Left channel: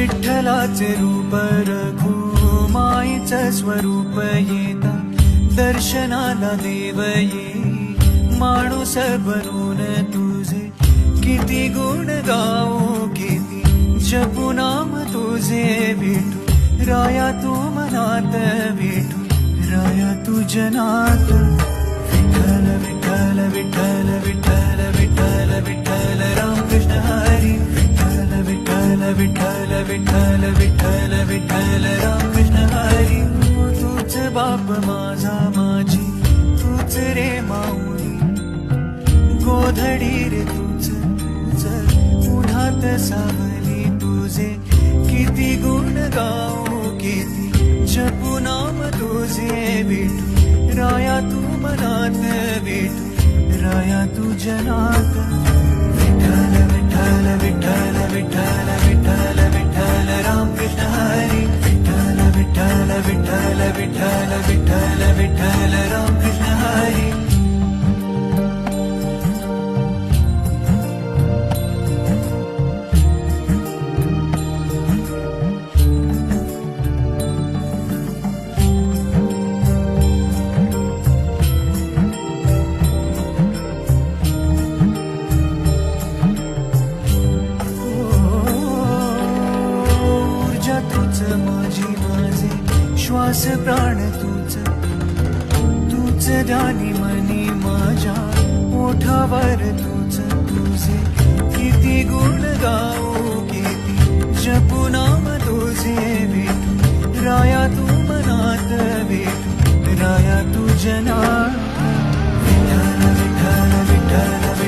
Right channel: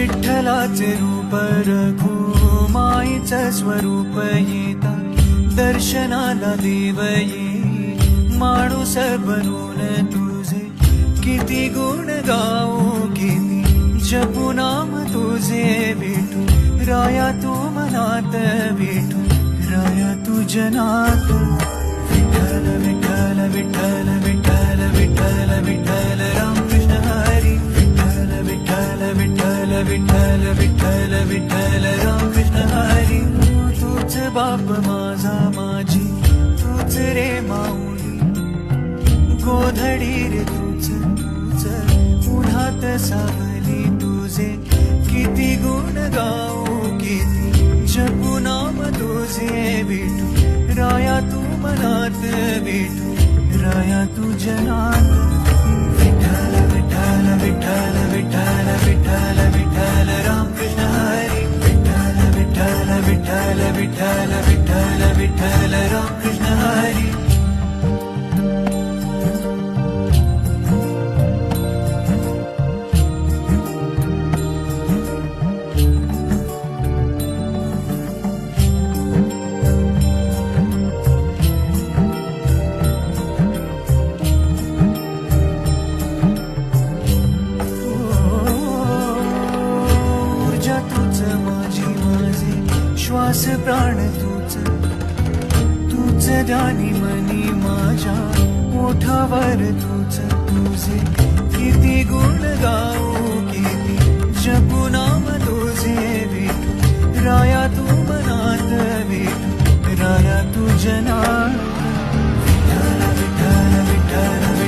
विठ्ठलाचे रूप रघुमाईचं स्वरूप येता दर्शनाला देव येई माणूस बनून तुझे किती गुण गाऊ किती जपू नाम तुझे विठू राया तू मनात विठू राया तू जनात विठ्ठल विठ्ठल विठ्ठल विठ्ठल विठ्ठल विठ्ठल रामकृष्ण हरी विठ्ठल विठ्ठल विठ्ठल विठ्ठल विठ्ठल विठ्ठल रामकृष्ण हरी तूच बाप माझा माझी तूच रे माऊली गोधडी रे तूच तूच उन्हात सावली तुझे किती गुण गाऊ किती जपू नाम तुझे विठू राया तू मनात विठू राया तू जनात विठ्ठल विठ्ठल विठ्ठल विठ्ठल विठ्ठल विठ्ठल रामकृष्ण हरी विठ्ठल विठ्ठल विठ्ठल विठ्ठल विठ्ठल विठ्ठल रामकृष्ण हरी तूच माझी माझे श्वास प्राण तूच तूच ध्यानी मनी माझ्या ओठावर तूच तुझे किती गुण गाऊ किती जपू नाम तुझे विठू राया तू मनात विठू राया तू जनात विठ्ठल विठ्ठल विठ्ठल